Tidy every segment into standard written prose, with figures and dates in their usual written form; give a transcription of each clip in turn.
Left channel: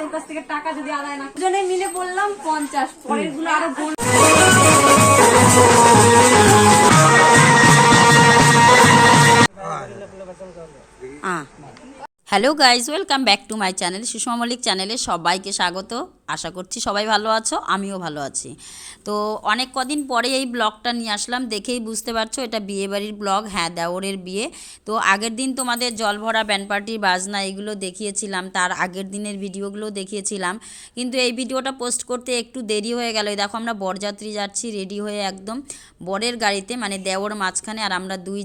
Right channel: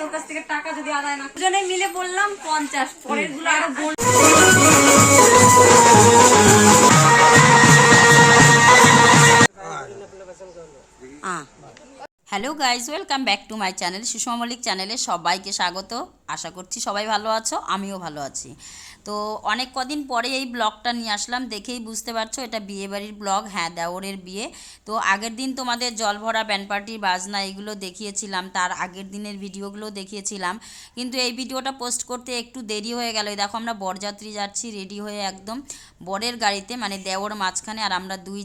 তোর কাছ থেকে টাকা যদি আদায় না দুজনে মিলে বললাম 50, পরের গুলো আরো hello guys, welcome back to my channel Sushma Mallick চ্যানেলে সবাইকে স্বাগত। আশা করছি সবাই ভালো আছো, আমিও ভালো আছি। তো অনেক কদিন পরে এই ব্লগটা নিয়ে আসলাম, দেখেই বুঝতে পারছো এটা বিয়েবাড়ির ব্লগ। হ্যাঁ, দেওরের বিয়ে। তো আগের দিন তোমাদের জল ভরা ব্যান্ড পার্টি বাজনা এগুলো দেখিয়েছিলাম, তার আগের দিনের ভিডিওগুলো দেখিয়েছিলাম, কিন্তু এই ভিডিওটা পোস্ট করতে একটু দেরি হয়ে গেল। দেখো আমরা বরযাত্রী যাচ্ছি রেডি হয়ে একদম বরের গাড়িতে, মানে দেওর মাঝখানে আর আমরা দুই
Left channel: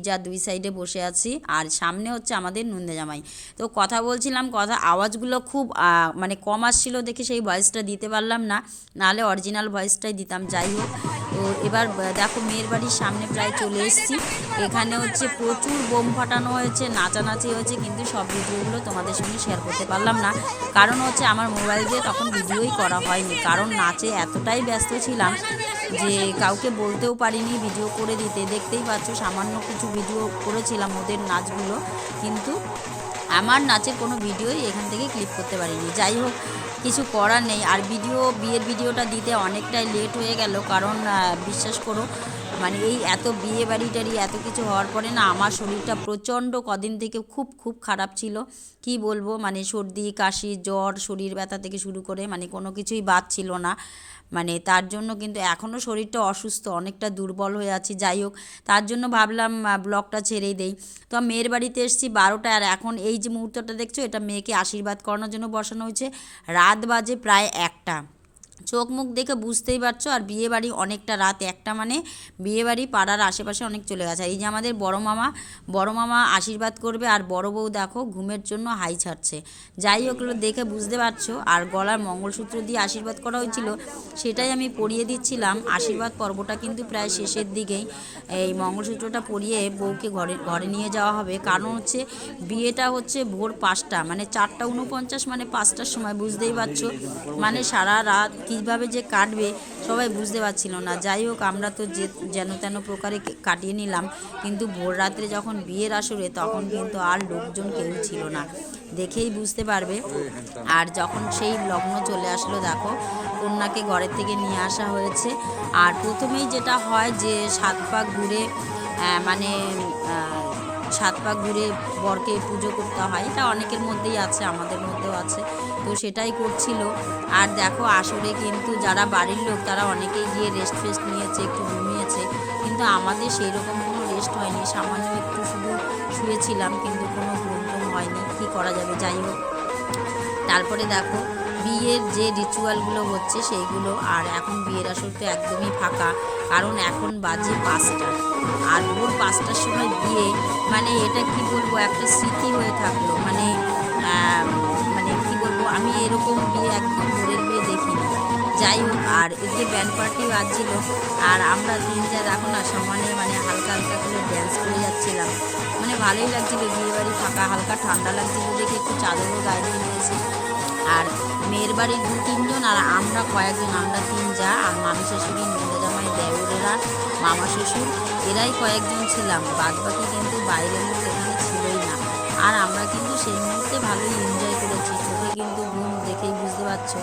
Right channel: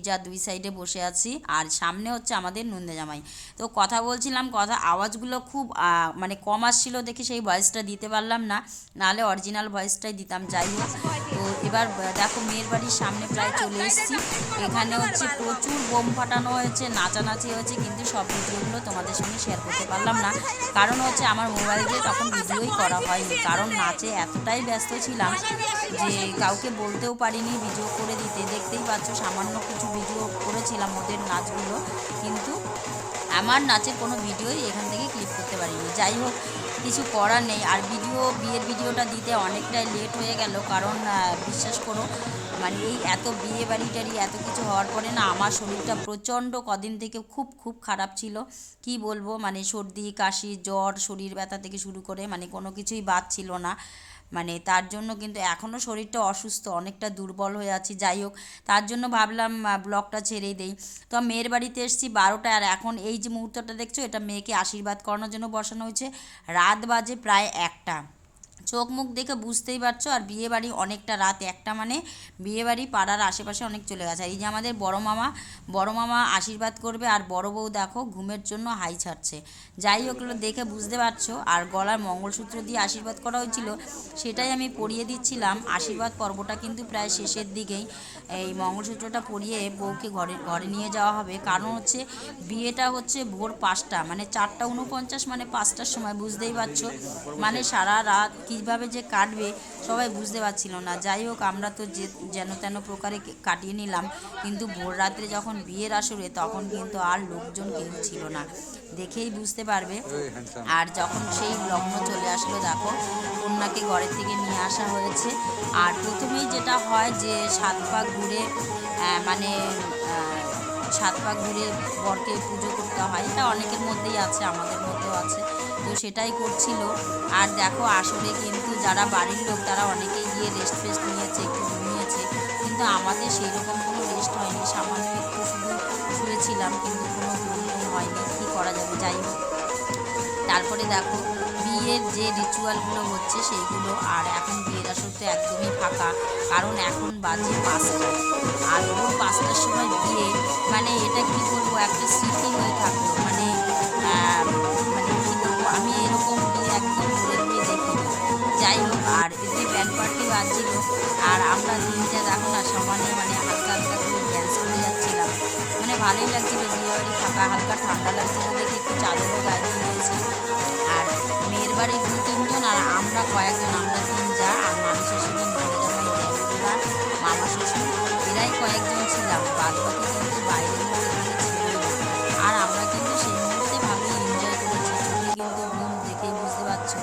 সাইডে বসে আছি, আর সামনে হচ্ছে আমাদের নন্দে জামাই। তো কথা বলছিলাম, আওয়াজগুলো খুব মানে কম আসছিল দেখে সেই ভয়েসটা দিতে পারলাম না, নাহলে অরিজিনাল ভয়েসটাই দিতাম। যাই হোক, তো এবার দেখো মেয়ের বাড়ির সামনে প্রায় চলে এসেছি। এখানে হচ্ছে প্রচুর বোম ফাটানো হয়েছে, নাচানাচি হয়েছে, কিন্তু সব ভিডিওগুলো তোমাদের সঙ্গে শেয়ার করতে পারলাম না, কারণ হচ্ছে আমার মোবাইল দিয়ে তখন ভিডিওই করা হয়নি, কারণ নাচে এতটাই ব্যস্ত ছিলাম যে কাউকে বলতেও পারিনি ভিডিও করে দিতে। দেখতেই পাচ্ছ সামান্য কিছু ভিডিও করেছিলাম ওদের নাচগুলো, কিন্তু আমার নাচের কোনো ভিডিওই এখান থেকে ক্লিক করতে পারিনি। যাই হোক, কিছু করার নেই। আর বিয়ের ভিডিওটা দিতে অনেকটাই লেট হয়ে গেল, কারণ বিশ্বাস করো মানে এই এত বিয়ে বাড়িটারি এত কিছু হওয়ার পরে না আমার শরীরটা প্রচণ্ড কদিন থেকে খুব খারাপ ছিল। কি বলবো, মানে সর্দি কাশি জ্বর শরীর ব্যথা থেকে শুরু করে মানে কোনো কিছুই বাদ ছিল না। মানে তার জন্য কিন্তু এখনও শরীরটা অসুস্থ, অনেকটা দুর্বল হয়ে আছি। যাই হোক, তার জন্য ভাবলাম ব্লগটা ছেড়েই দেই। তো মেয়ের বাড়িতে এসেছি 12টা, আর এখন এই যে মুহূর্তটা দেখছো এটা মেয়েকে আশীর্বাদ করানোর জন্য বসানো হয়েছে। রাত বাজে প্রায় 1টা, চোখ মুখ দেখে বুঝতেই পারছো। আর বিয়েবাড়ি অনেকটা রাত 1টা, মানে বিয়েবাড়ি পাড়ার আশেপাশে অনেক চলে গেছে। এই যে আমাদের বড় মামা আশীর্বাদ করবে, আর বড় বউ দেখো ঘুমের জন্য হাই ছাড়ছে। যাই হোক, দেখে বুঝতে পারছো। আর গলার মঙ্গলসূত্র দিয়ে আশীর্বাদ করা হয়েছিল, সেটাই আমি পরিয়ে দিচ্ছিলাম। আশীর্বাদ পর্বটা কিন্তু প্রায় শেষের দিকেই। এই মঙ্গলসূত্রটা পরিয়ে বউকে ঘরে নিয়ে যাওয়া হবে, কারণ হচ্ছে বিয়েটা হচ্ছে ভোর 5টা, মানে 4:49, মানে 5টার সময়। বুঝতেই পারছো মানে সারা রাত কীভাবে যে কাটবে সবাই বুঝতে পারছিল না। যাই হোক, আমরা তো যেন তেন প্রকারে কাটিয়ে নিলাম, কিন্তু ভোর রাত্রে যখন বিয়ের আসরে তখন কিন্তু আর লোকজন কেউ ছিল না, দেখেই বুঝতে পারবে। আর যখন সেই লগ্ন চলে আসলো, দেখো কন্যাকে ঘরের থেকে নিয়ে আসা হয়েছে। আর প্রথমেই যেটা হয় যে 7 পাক ঘুরে মানে 7 পাক ঘুরে বরকে পুজো করতে হয়, এটা অনেকের মধ্যেই আছে, আমাদের মধ্যেও আছে, তো সেটাই করছিল। আর দেখো আসলে কিন্তু যারা বাড়ির লোক তারা অনেকেই গিয়ে রেস্ট নিয়েছে, একটু ঘুমিয়েছে, কিন্তু আমাদের সেই রকম কোনো রেস্ট হয়নি, সামান্য একটু শুধু শুয়েছিলাম, কিন্তু কোনো ঘুম হয়নি, কী করা যাবে। যাই হোক, তারপরে দেখো বিয়ের যে রিচুয়ালগুলো হচ্ছে সেইগুলো। আর এখন বিয়ের আসরটা একদমই ফাঁকা, কারণ এখন বাজে 5টা, আর ভোর 5টার সময় বিয়ে, মানে এটা কি বলবো একটা স্মৃতি হয়ে থাকলো। মানে মানে কী বলবো, আমি এরকম বিয়ে একদম ভোরের বিয়ে দেখিনি। যাই হোক, আর এই যে ব্যান্ড পার্টি বাজছিল, আর আমরা তিনটা দেখো না সমানে মানে হালকা করে ড্যান্স করে যাচ্ছিলাম, মানে ভালোই লাগছিলো। বিয়েবাড়ি ফাঁকা, হালকা ঠান্ডা লাগছিলো দেখে একটু চাদরও গায়ে নিয়েছি। আর মেয়ের বাড়ির 2-3 জন, আর আমরা কয়েকজন, আমরা 3 যা, আর মামি শ্বশুরের মেয়েরা যেমন দেওরেরা মামা শ্বশুর এরাই কয়েকজন ছিলাম, বাদ বাকি কিন্তু বাইরের লোক এখানে ছিলই না। আর আমরা কিন্তু সেই মুহূর্তে ভালোই এনজয় করেছি, চোখে কিন্তু ঘুম দেখেই বুঝতে পারছো।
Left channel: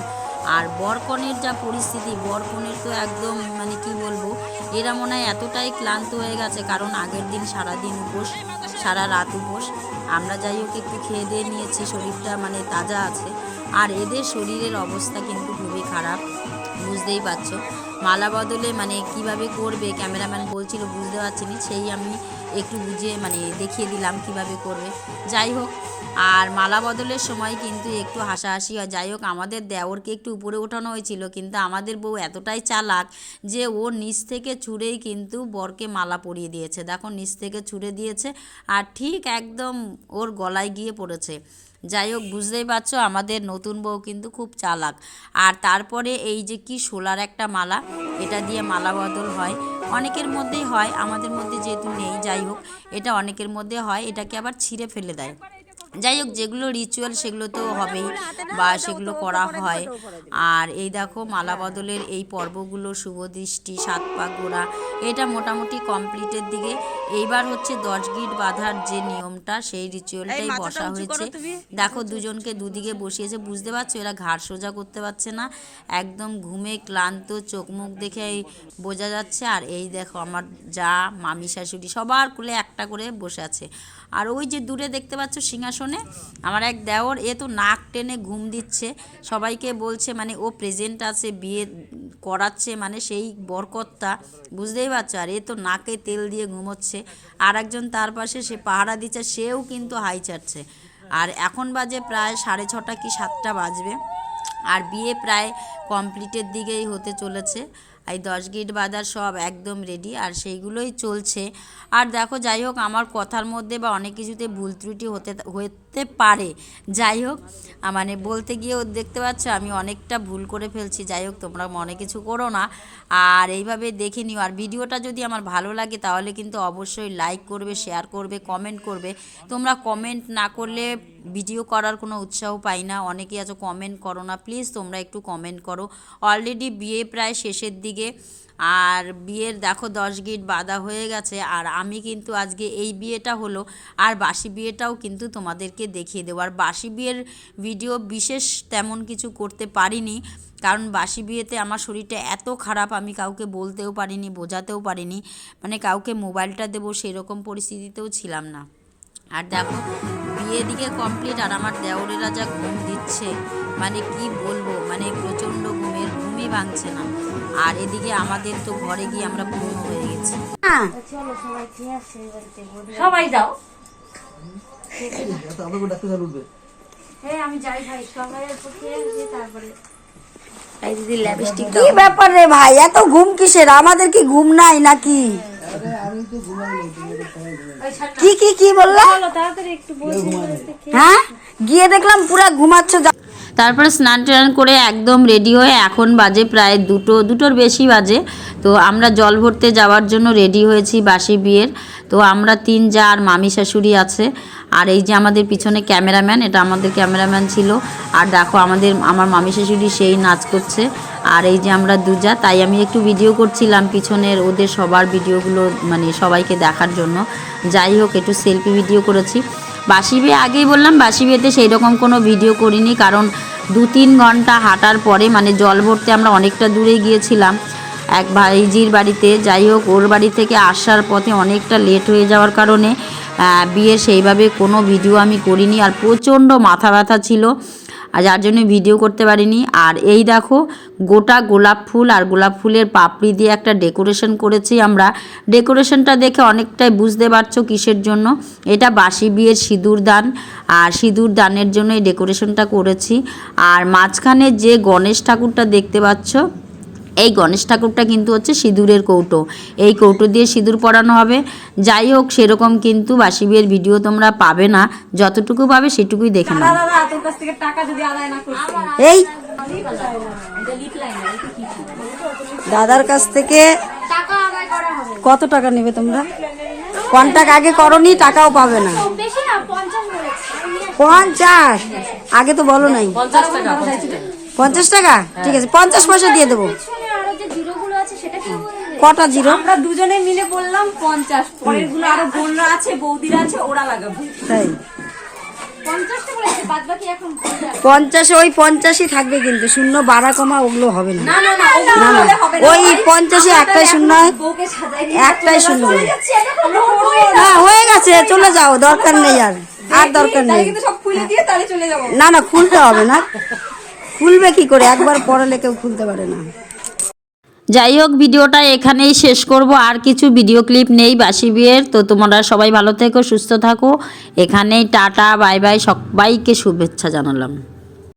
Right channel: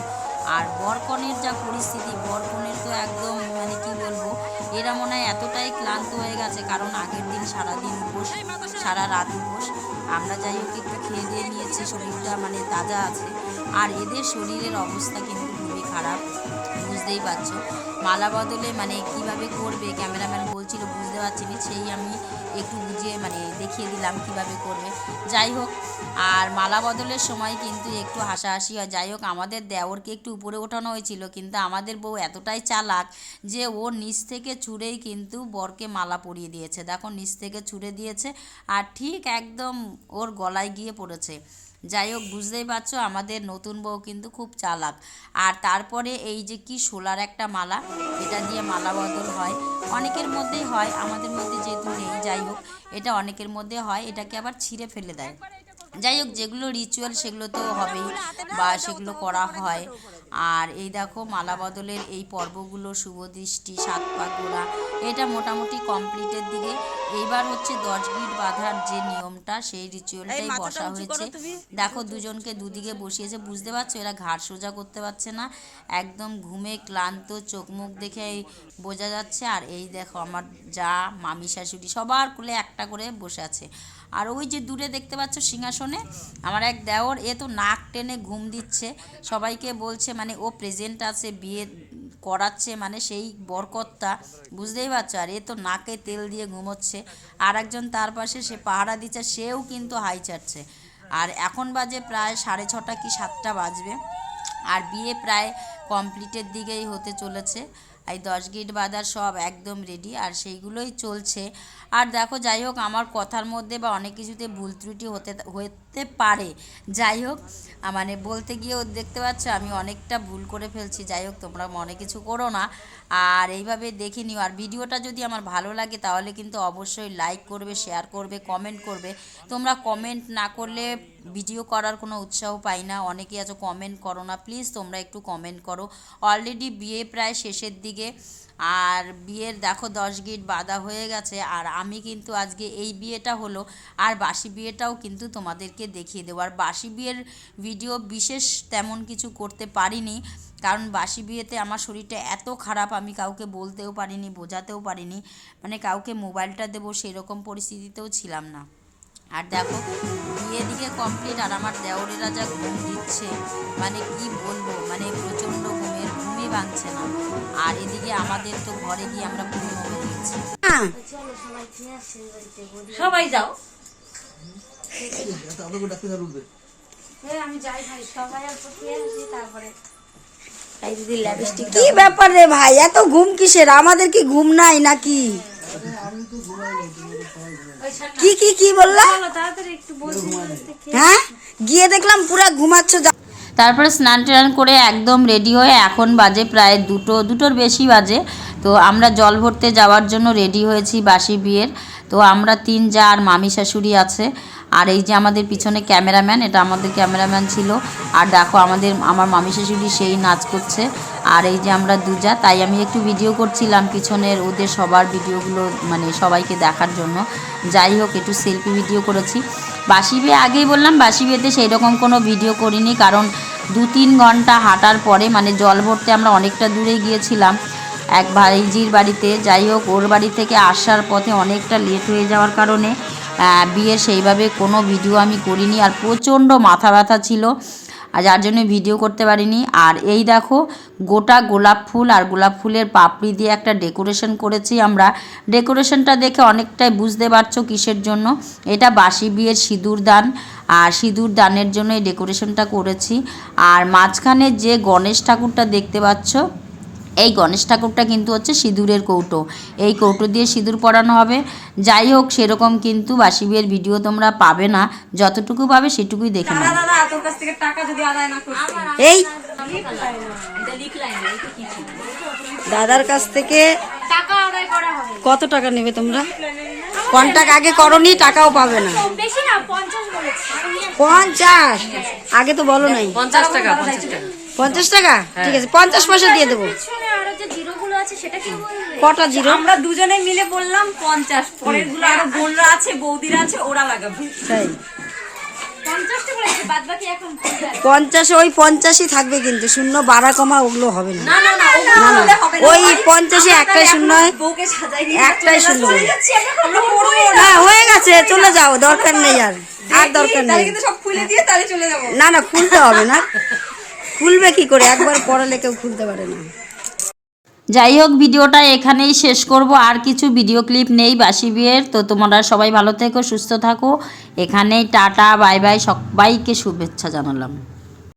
আর বরকনের যা পরিস্থিতি, বরকনের তো একদম মানে কি বলবো, এরা মনে হয় এতটাই ক্লান্ত হয়ে গেছে, কারণ আগের দিন সারাদিন উপোস, সারা রাত উপোস। আমরা যাই হোক একটু খেয়ে দিয়ে নিয়েছি, শরীরটা মানে তাজা আছে। আর এদের শরীরের অবস্থা কিন্তু খুবই খারাপ, বুঝতেই পারছো। মালা বদলে মানে কিভাবে করবে ক্যামেরাম্যান বলছিল, বুঝতে পারছি না, সেই আমি একটু বুঝিয়ে মানে দেখিয়ে দিলাম কিভাবে করবে। যাই হোক, আর মালা বদলের সময় কিন্তু একটু হাসাহাসি হয়। যাই হোক, আমাদের দেওরকে একটু উপরে ওঠানো হয়েছিল, কিন্তু আমাদের বউ এতটাই চালাক যে ও নিচ থেকে ছুঁড়েই কিন্তু বরকে মালা পরিয়ে দিয়েছে। দেখো নিচ থেকে ছুঁড়ে দিয়েছে, আর ঠিক একদম ওর গলায় গিয়ে পড়েছে। যাই হোক, বুঝতেই পারছো আমাদের নতুন বউ কিন্তু খুব চালাক। আর তারপরে এই যে কি শোলার একটা মালা, এটা দিয়ে মালা বদল হয়, অনেকের মধ্যেই হয়, আমাদের মধ্যে যেহেতু নেই। যাই হোক, এটা অনেকের মধ্যে হয়, এটাকে আবার ছিঁড়ে ফেলে দেয়। যাই হোক, যেগুলো রিচুয়াল সেগুলো তো হবেই বা সেগুলো করা হয়। আর এই দেখো মালা বদলের এই পর্বগুলো, শুভ দৃষ্টি, 7 পা ঘোরা, এটা মোটামুটি কমপ্লিটের দিকে। এইবার হচ্ছে 10 গিট বাঁধার যে নিয়মটা, সেই রিচুয়ালটাই বসা হয়েছে। দেখো দুজনকে দুদিকে বসিয়েছে, বুঝতে পারছো এরা ঘাড় সোজা করতে পারছে না, একদম ঘুমে ক্লান্ত, চোখ মুখ দেখে বোঝা যাচ্ছে। আর এই দেখো আমার যা, মামি, শাশুড়ি সবার কোলে একটা করে বসে আছে। আর ওই যে দূরে দেখতে পাচ্ছ সিংহাসনে আমার এক দেওর, এ তো নাক টেনে ঘুম দিচ্ছে, সবাইকে বলছে মানে ও প্রেজেন্ট আছে, বিয়ে করাচ্ছে মানে সেই বরকর্তা, বুঝতেই পারছো। আর এ তো নাকে তেল দিয়ে ঘুমোচ্ছে। আর একজন তার পাশে সে পাহারা দিচ্ছে, সেও কিন্তু হাই চাটছে। আর এখন বাজে প্রায় 6:30 কি 7টা বাজবে। আর বিয়ে প্রায় কমপ্লিটের দিকেই হতে চলেছে। এই 10 গিট বাঁধার সব একদম রেডি, আর সেইগুলোই চলছে। আর দেখো যাই হোক, আমার কথার মধ্যে বা অনেক কিছুতে ভুল ত্রুটি হতে পারে। যাই হোক, মানে বলতে গিয়েও দেখতে পাচ্ছ আমি অনেকটা ভুল করে ফেলছি। যাই হোক, তোমরা মনে কিছু করো না, আর এইভাবে দেখে নিও। আর ভিডিওটা যদি আমার ভালো লাগে তাহলে কিন্তু অবশ্যই লাইক করবে, শেয়ার করবে, কমেন্ট করবে। তোমরা কমেন্ট না করলে ভিডিও করার কোনো উৎসাহ পাই না। অনেকেই আছো কমেন্ট করো না, প্লিজ তোমরা একটু কমেন্ট করো। অলরেডি বিয়ে প্রায় শেষের দিকে, আর বিয়ের দেখো 10 গিট বাঁধা হয়ে গেছে। আর আমি কিন্তু আজকে এই বিয়েটা হলো, আর বাসি বিয়েটাও কিন্তু তোমাদেরকে দেখিয়ে দেবো। আর বাসি বিয়ের ভিডিও বিশেষ তেমন কিছু করতে পারিনি, কারণ বাসি বিয়েতে আমার শরীরটা এত খারাপ, আমি কাউকে বলতেও পারিনি, বোঝাতেও পারিনি, মানে কাউকে মোবাইলটা দেবো সেরকম পরিস্থিতিতেও ছিলাম না। আর দেখো বিয়ে দিকে কমপ্লিট, আর আমার দেওরেরা যা ঘুম দিচ্ছে মানে কি বলবো, মানে প্রচণ্ড ঘুমই ভাঙছে না। আর এদিকে আমাদের তো ঘরে গিয়ে আমরা পূর্ণ হয়ে গেছি। সবাই যাও। আমি যাই ভাই, সবাই তারপরে কি ব্যাপার রে ভাই, এত ঘুম কিসের? আমাদের কি ঘুম নাই নাকি? কি কি কি বললা? হ্যাঁ, গিয়ে দেখলাম পুরা ঘুমাচ্ছ। তারপরে স্নান টান করে একদম রেডি হয়ে এখন বাজে প্রায় দুটোর বেশি বাজে। তো আমরা জল ভরতে যাওয়ার জন্য রেডি হয়েছি বাসি বিয়ের। তো আমরা 3 যা আর মামি শাশুড়ি আছে। আর এই যে আমাদের পিছনে ক্যামেরাম্যান, এটা আমাদের ক্যামেরাম্যান ছিল। আর দেখো আমার মামি শাশুড়ি সেই নাচ করছে। আর এই যে আমরা 2 যা, তাই আমি একটু ভিডিও করছিলাম পিছনের ওদের সবার ভিডিওগুলো, মানে সবাইকে দেখার জন্য। যাই হোক, একটু সেলফি ভিডিও করেছি। বাসি বিয়ে আগেই বললাম, বাসি বিয়েতে সেই রকম কোনো ভিডিও করিনি, কারণ 2-3 ঘন্টা হাঁটার পরে মানে জল ভরতে আমরা অনেকটা দূরে গিয়েছিলাম এক ভাইজির বাড়িতে। যাই হোক, ওর বাড়ি থেকে আসার পথে অনেকটা লেট হয়ে যাওয়ার কারণে বিয়ের সেইভাবে কোনো ভিডিও আমি করিনি। আর প্রচণ্ড মাথা ব্যথা ছিল, আর যার জন্য ভিডিও করতে পারিনি। আর এই দেখো গোটা গোলাপ ফুল আর গোলাপ ফুলের পাপড়ি দিয়ে একটা ডেকোরেশন করেছি আমরা। ডেকোরেশনটা দেখে অনেকটাই বুঝতে পারছো কিসের জন্য। এটা বাসি বিয়ের সিঁদুর দান, আর সিঁদুর দানের জন্য এই ডেকোরেশনটা করেছি। আর মাঝখানে যে গণেশ ঠাকুরটা দেখতে পাচ্ছ, এই গণেশ ঠাকুরটা কিন্তু হচ্ছে সিঁদুরের কৌটো, এই কৌটো দিয়ে সিঁদুর পরানো হবে। যাই হোক, সেরকম কিন্তু বাসি বিয়ের ভিডিও তোমরা পাবে না, যতটুকু পাবে সেটুকুই দেখে নাও। দাদা তোর কাছ থেকে টাকা যদি আদায় না করতে, এই এটা লিখলাই না, এটা কি ছিল? দাদার কাছ থেকে টাকা আদায় করা হবে। কত টাকা নেবে তোমরা? কন্টাক্ট আগে করনি, টাকাও পাবে না। বেশি না, 50 বলেছি। 50? আগে তো বলো নাই। 50 টাকা। 50 টাকা? ঠিক আছে, 50 পয়সা দিয়ে দেবো। পিছনে আরো যে জিরোগুলো আছে সেটা কি বলবে? কটা জিরো? আমরা দুজনে মিলে বললাম 50, পরের গুলো আরো বোনরা আছে, বৌদিরা আছে, ওরা লাগাবে। তাই 50 টা বলেছে, বাদ বাকি এখন 50, ওই 50ই থাকবে, কিন্তু শূন্য বাড়া কমা ওগুলো হবে না। না না না, না না, ওগুলো হবে না। ওই 50-ই একটাই শূন্য হয়, বউকে সাজাই নিয়ে একটাই শূন্য হয়। আমরা করবো না। হ্যাঁ, হয়ে গেছে, চলে যাও, দরকার নেই আর দরকার তাহলে নেই। কিন্তু সব খুলে দিয়ে তাহলে চলে যাবো। না না, খুলতে হবে না। খুলবে কি করে? একবার পড়ালে কেউ খুলতে পারে না। যাই হোক, ভিডিওটা এখানেই শেষ করব, আর কিছু ভিডিও ক্লিপ নেই বাসি বিয়ের। তো তোমরা সবাই ভালো থেকো, সুস্থ থাকো। এখানেই টাটা, বাই বাই, সবাইকে শুভেচ্ছা জানালাম।